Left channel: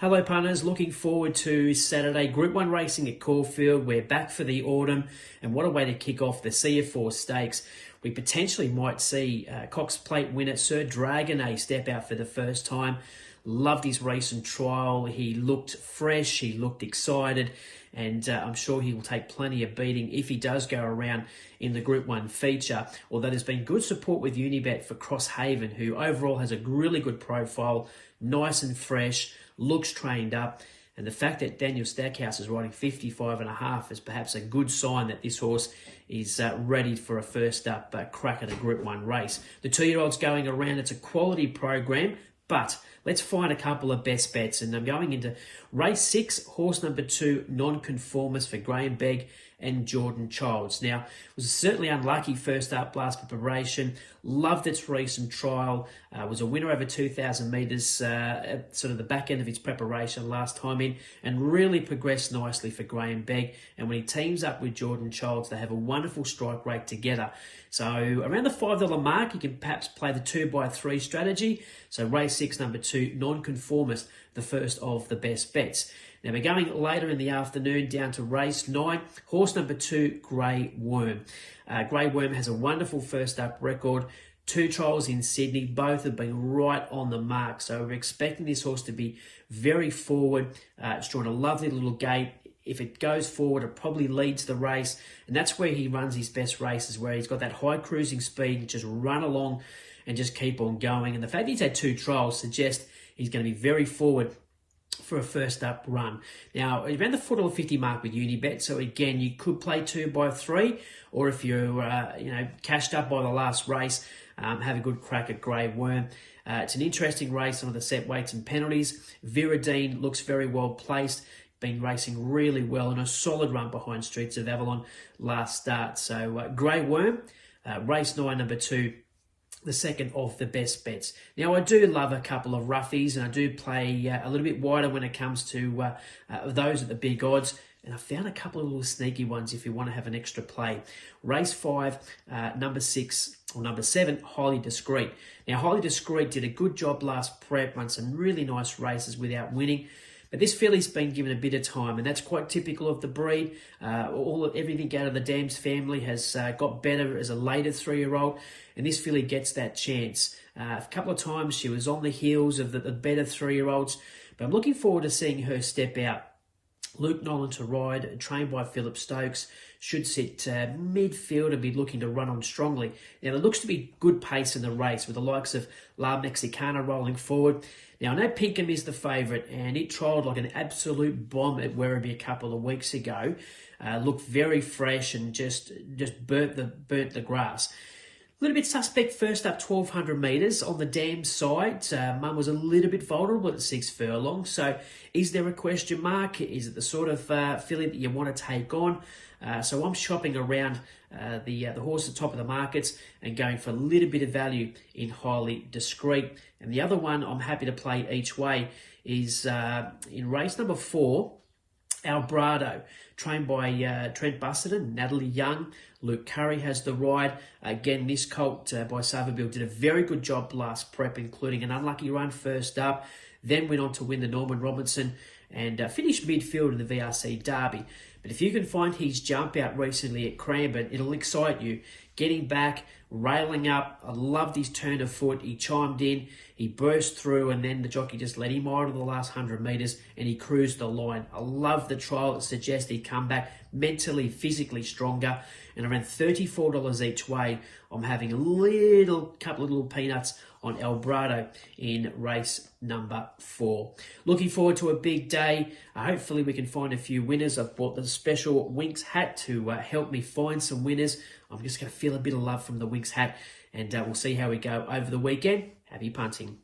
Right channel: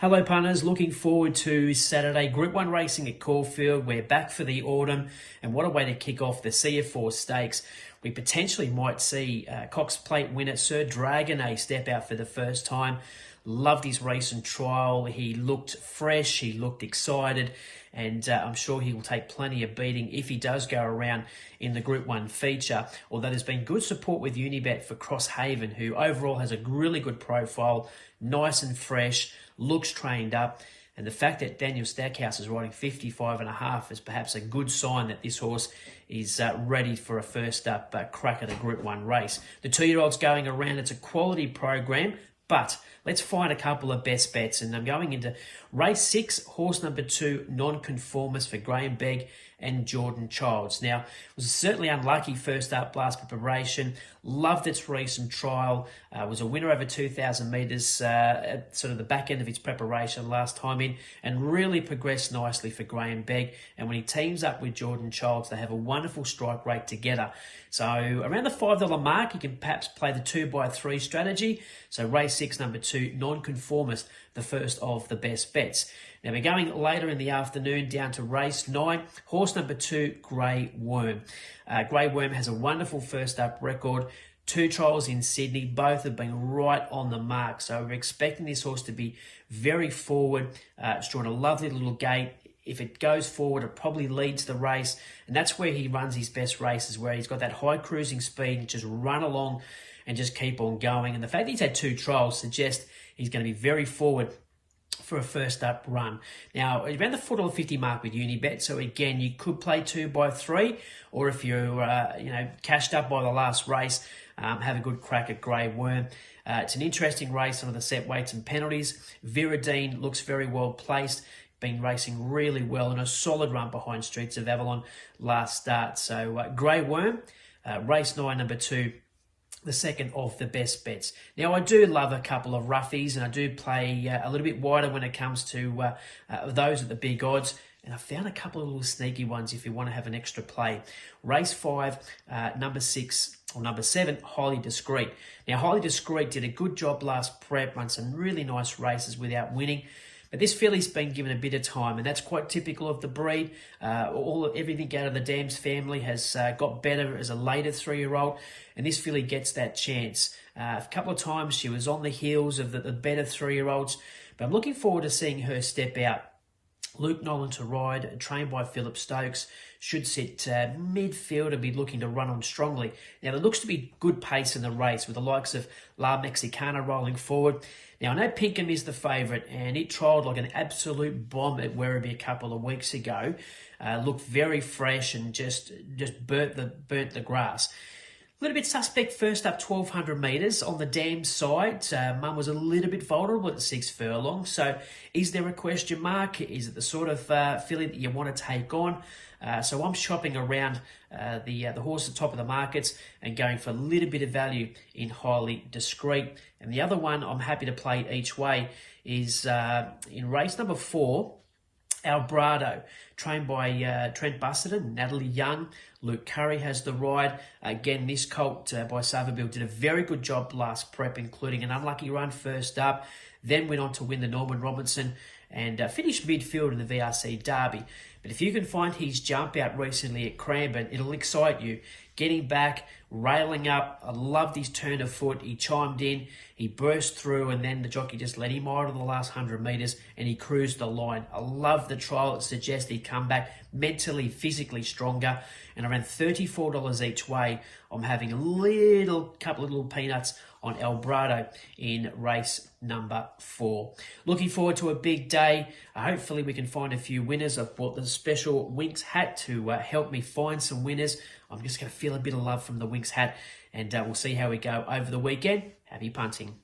Hello punters, looking forward to Saturday Group 1 racing at Caulfield. We're back for the autumn, and what a way to kick off the CF4 Stakes. We potentially might see Cox Plate winner Sir Dragonet step out for the first time. Loved his recent trial. He looked fresh, he looked excited, and I'm sure he will take plenty of beating if he does go around in the Group 1 feature. Although there's been good support with Unibet for Crosshaven, who overall has a really good profile, nice and fresh, looks trained up. And the fact that Daniel Stackhouse is riding 55.5 is perhaps a good sign that this horse is ready for a first up crack at a Group 1 race. The 2-year-old's going around. It's a quality program, but let's find a couple of best bets. And I'm going into race 6, horse number 2, Nonconformist for Graham Begg and Jordan Childs. Now, it was certainly unlucky first up last preparation. Loved its recent trial. Was a winner over 2,000 metres at sort of the back end of its preparation last time in, and really progressed nicely for Graham Begg. And when he teams up with Jordan Childs, they have a wonderful strike rate together. So around the $5 mark, you can perhaps play the 2x3 strategy. So race 6, number 2, Nonconformist, the first of the best bets. Now we're going later in the afternoon down to race 9, horse number 2, Grey Worm. Grey Worm has a wonderful first up record. 2 trials in Sydney, both have been right on the mark. So we're expecting this horse to be very forward. It's drawn a lovely little gate. If it goes forward, it probably leads the race. And that's where he runs his best races, where he's got that high cruising speed, just run along and just keep on going. And the fact that he's had 2 trials suggests he's going to be very forward for a first up run. Now, around the $4.50 mark with Unibet. So again, you could play 2x3, or if you're cashed up by the last race, have a good crack at Grey Worm. It's an interesting race on the set weights and penalties. Viridine looks very well placed. Been racing really well and a solid run behind Streets of Avalon last start. So Grey Worm, race 9, number 2, the second of the best bets. Now, I do love a couple of roughies, and I do play a little bit wider when it comes to those at the big odds. And I found a couple of little sneaky ones if you want to have an extra play. Race 5, number 6, or number 7, Highly Discreet. Now, Highly Discreet did a good job last prep, run some really nice races without winning. But this filly's been given a bit of time, and that's quite typical of the breed. Everything out of the Dams family has got better as a later 3-year-old, and this filly gets that chance. A couple of times she was on the heels of the better 3-year-olds, but I'm looking forward to seeing her step out. Luke Nolan to ride, trained by Philip Stokes, should sit midfield and be looking to run on strongly. Now, there looks to be good pace in the race with the likes of La Mexicana rolling forward. Now, I know Pinkham is the favourite, and it trialled like an absolute bomb at Werribee a couple of weeks ago. Looked very fresh and just burnt the grass. A little bit suspect first up 1,200 metres on the Dam side. Mum was a little bit vulnerable at 6 furlongs. So is there a question mark? Is it the sort of filly that you want to take on? So I'm shopping around the horse at the top of the markets and going for a little bit of value in Highly Discreet. And the other one I'm happy to play each way is in race number 4, Albrado, trained by Trent Busserton, Natalie Young. Luke Curry has the ride. Again, this colt by Savabeel did a very good job last prep, including an unlucky run first up. Then went on to win the Norman Robinson and finished midfield in the VRC Derby. But if you can find his jump out recently at Cranbourne, it'll excite you. Getting back, railing up. I loved his turn of foot. He chimed in, he burst through, and then the jockey just let him idle the last 100 metres and he cruised the line. I love the trial. It suggests he'd come back mentally, physically stronger. And around $34 each way, I'm having a couple of little peanuts on Albrado in race number 4. Looking forward to a big day. Hopefully we can find a few winners. I've bought the special Winx hat to help me find some winners. I'm just going to feel a bit of love from the Winx hat, and we'll see how we go over the weekend. Happy punting.